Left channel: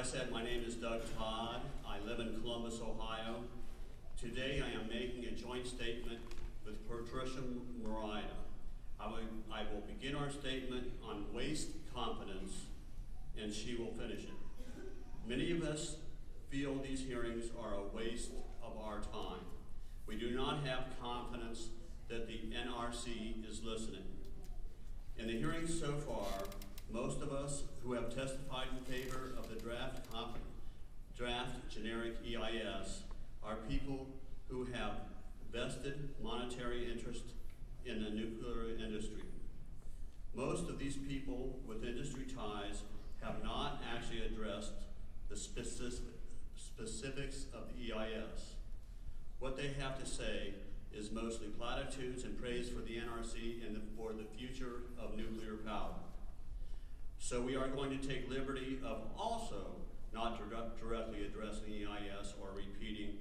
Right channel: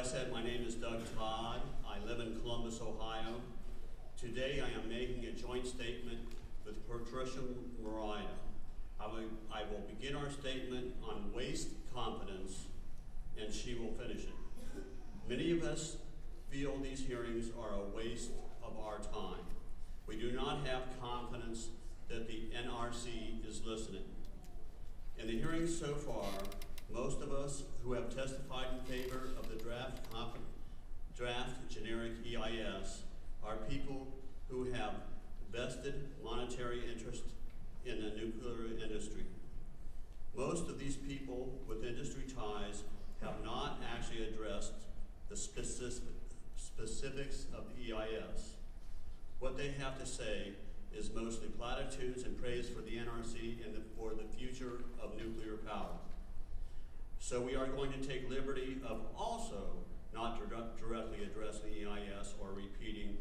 I said, my name is Doug Todd. I live in Columbus, Ohio. Today I am making a joint statement with Patricia Morida. I will begin our statement on waste competence, and she will finish it. Many of us feel these hearings are a waste of our time. We do not have confidence that the NRC is listening. In the hearings so far, most of us who have testified in favor of the draft generic EIS are people who have vested monetary interest in the nuclear industry. Most of these people with industry ties have not actually addressed the specifics of the EIS. What they have to say is mostly platitudes and praise for the NRC and for the future of nuclear power. So we are going to take liberty of also not directly addressing the EIS or repeating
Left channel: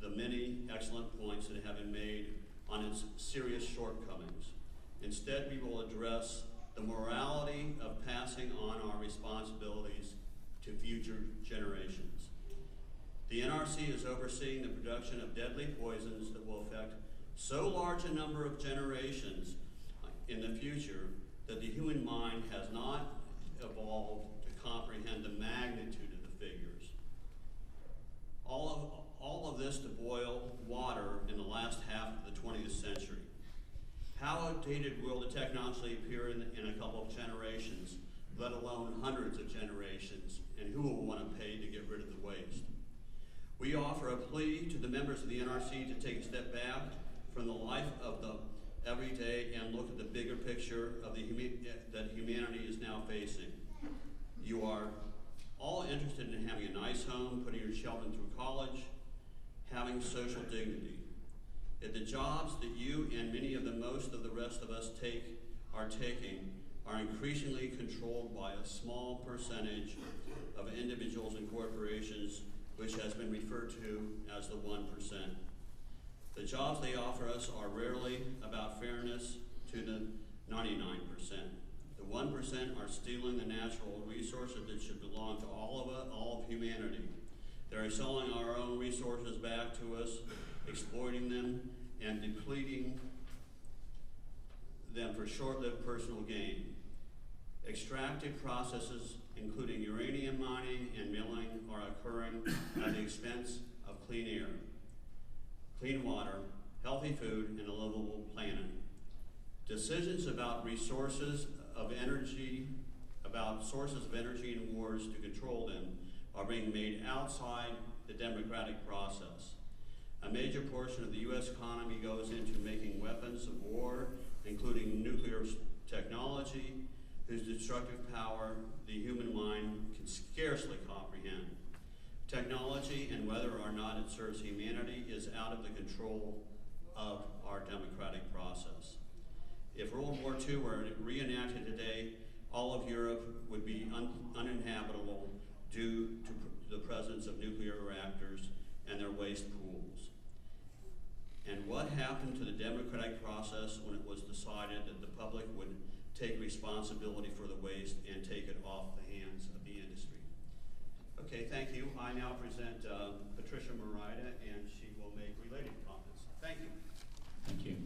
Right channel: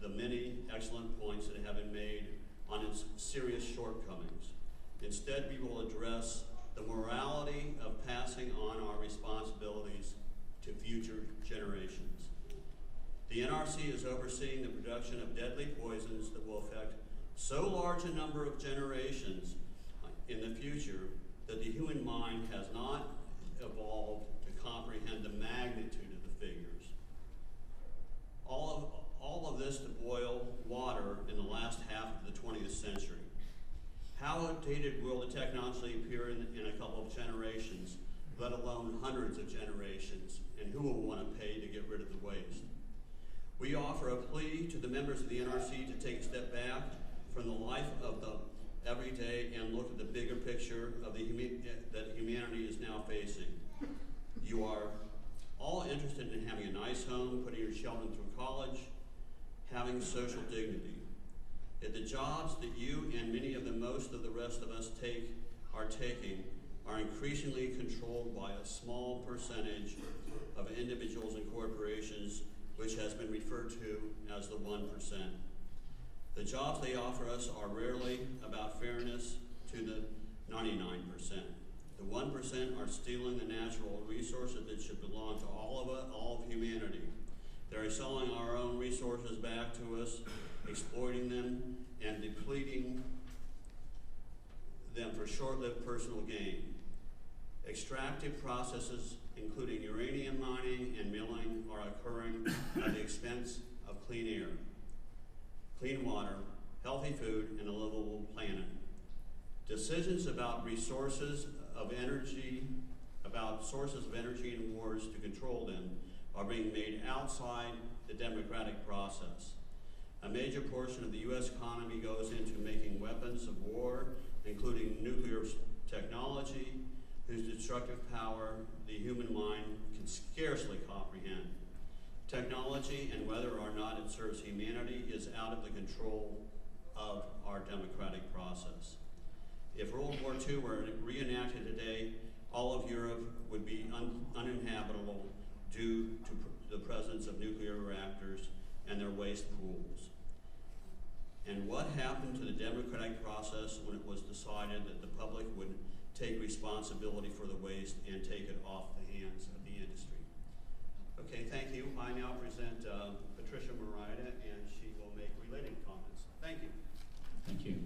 the many excellent points that have been made on its serious shortcomings. Instead, we will address the morality of passing on our responsibilities to future generations. The NRC is overseeing the production of deadly poisons that will affect so large a number of generations in the future that the human mind has not evolved to comprehend the magnitude of the figures. All of this to boil water in the last half of the 20th century. How outdated will the technology appear in a couple of generations, let alone hundreds of generations, and who will want to pay to get rid of the waste? We offer a plea to the members of the NRC to take a step back from the life of the everyday and look at the bigger picture of that humanity is now facing. You are all interested in having a nice home, putting your children through college, having social dignity. If the jobs that you and many of most of the rest of us are taking are increasingly controlled by a small percentage of individuals and corporations, which has been referred to as the 1%. The jobs they offer us are rarely about fairness to the 99%. The 1% are stealing the natural resources that should belong to all of humanity. They're selling our own resources back to us, exploiting them, and depleting them for short-lived personal gain. Extractive processes, including uranium mining and milling, are occurring at the expense of clean air, clean water, healthy food, and a livable planet. Decisions about sources of energy and wars to control them are being made outside the democratic process. A major portion of the U.S. economy goes into making weapons of war, including nuclear technology, whose destructive power the human mind can scarcely comprehend. Technology, and whether or not it serves humanity, is out of the control of our democratic process. If World War II were reenacted today, all of Europe would be uninhabitable due to the presence of nuclear reactors and their waste pools. And what happened to the democratic process when it was decided that the public would take responsibility for the waste and take it off the hands of the industry? Okay, thank you. I now present Patricia Morida, and she will make related comments. Thank you. Thank you.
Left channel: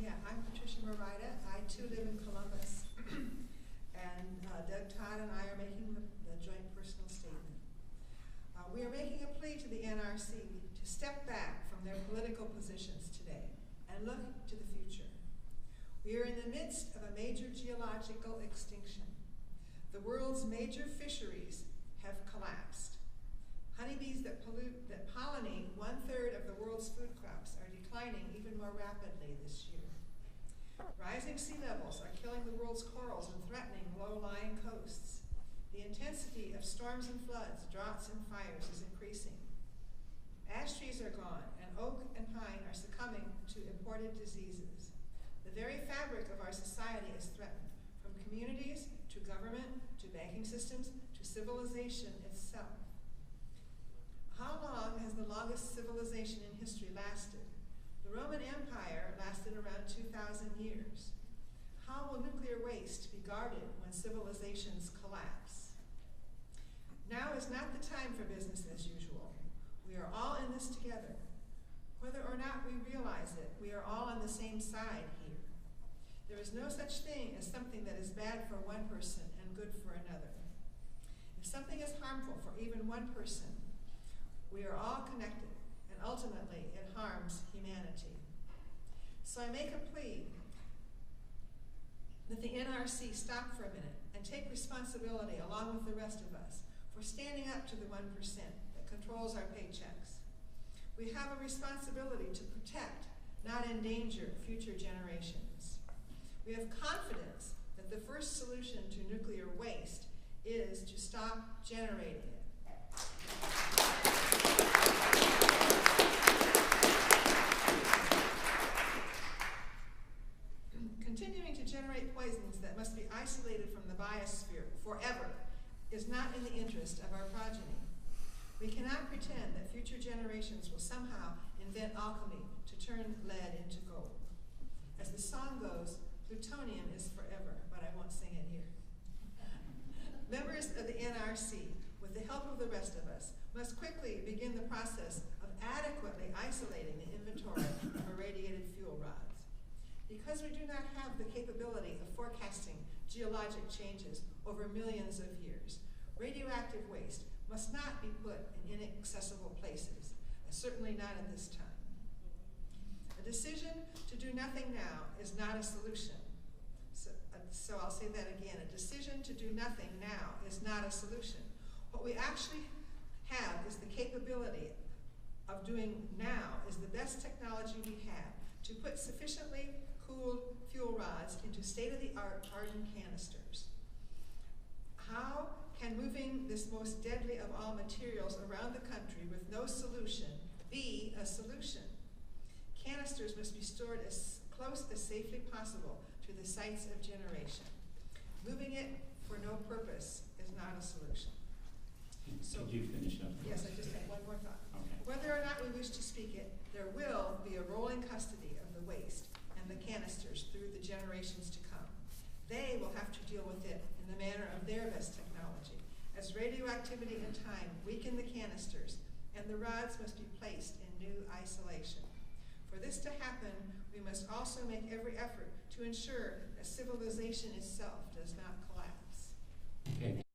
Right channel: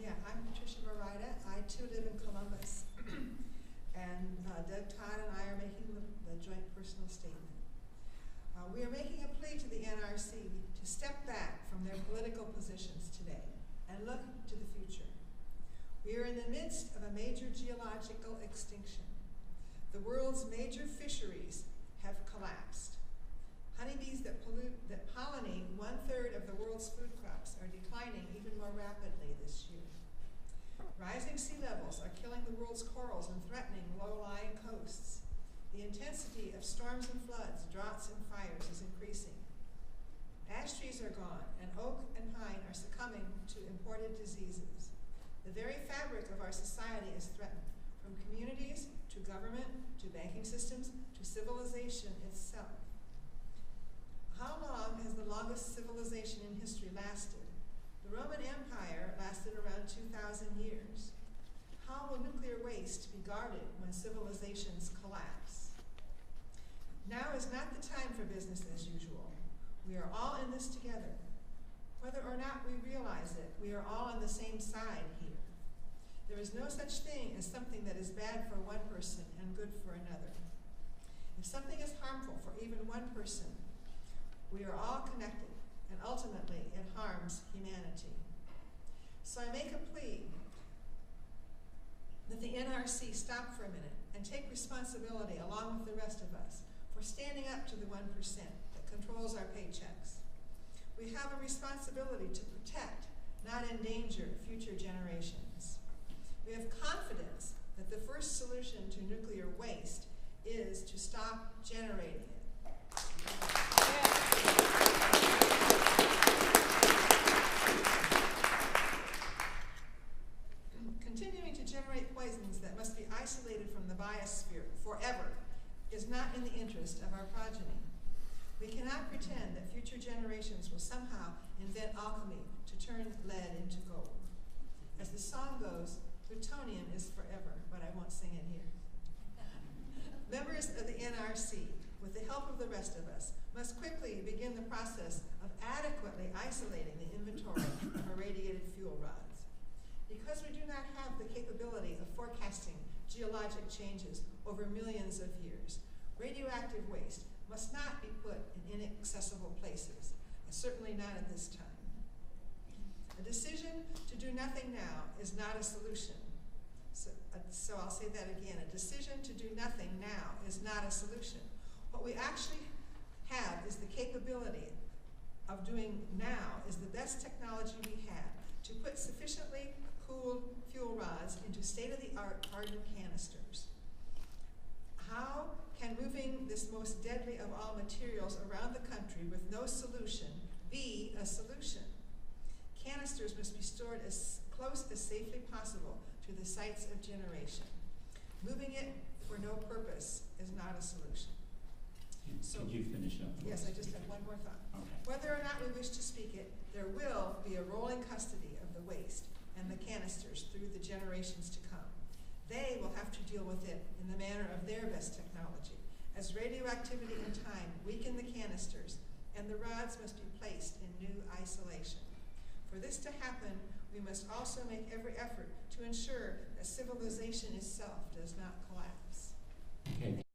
Yeah, I'm Patricia Morida. I too live in Columbus. And Doug Todd and I are making the joint personal statement. We are making a plea to the NRC to step back from their political positions today and look to the future. We are in the midst of a major geological extinction. The world's major fisheries have collapsed. Honeybees that pollinate 1/3 of the world's food crops are declining even more rapidly this year. Rising sea levels are killing the world's corals and threatening low-lying coasts. The intensity of storms and floods, droughts and fires is increasing. Ash trees are gone, and oak and pine are succumbing to imported diseases. The very fabric of our society is threatened, from communities to government to banking systems to civilization itself. How long has the longest civilization in history lasted? The Roman Empire lasted around 2,000 years. How will nuclear waste be guarded when civilizations collapse? Now is not the time for business as usual. We are all in this together. Whether or not we realize it, we are all on the same side here. There is no such thing as something that is bad for one person and good for another. If something is harmful for even one person, we are all connected, and ultimately it harms humanity. So I make a plea that the NRC stop for a minute and take responsibility along with the rest of us for standing up to the 1% that controls our paychecks. We have a responsibility to protect, not endanger, future generations. We have confidence that the first solution to nuclear waste is to stop generating it. Continuing to generate poisons that must be isolated from the biosphere forever is not in the interest of our progeny. We cannot pretend that future generations will somehow invent alchemy to turn lead into gold. As the song goes, plutonium is forever, but I won't sing it here. Members of the NRC, with the help of the rest of us, must quickly begin the process of adequately isolating the inventory of irradiated fuel rods. Because we do not have the capability of forecasting geologic changes over millions of years, radioactive waste must not be put in inaccessible places, certainly not at this time. A decision to do nothing now is not a solution. So I'll say that again. A decision to do nothing now is not a solution. What we actually have is the capability of doing now is the best technology we have to put sufficiently cooled fuel rods into state-of-the-art hardened canisters. How can moving this most deadly of all materials around the country with no solution be a solution? Canisters must be stored as close as safely possible to the sites of generation. Moving it for no purpose is not a solution. Could you finish up? Yes, I just have one more thought. Okay. Whether or not we wish to speak it, there will be a rolling custody of the waste and the canisters through the generations to come. They will have to deal with it in the manner of their best technology, as radioactivity and time weaken the canisters, and the rods must be placed in new isolation. For this to happen, we must also make every effort to ensure that civilization itself does not collapse. Okay.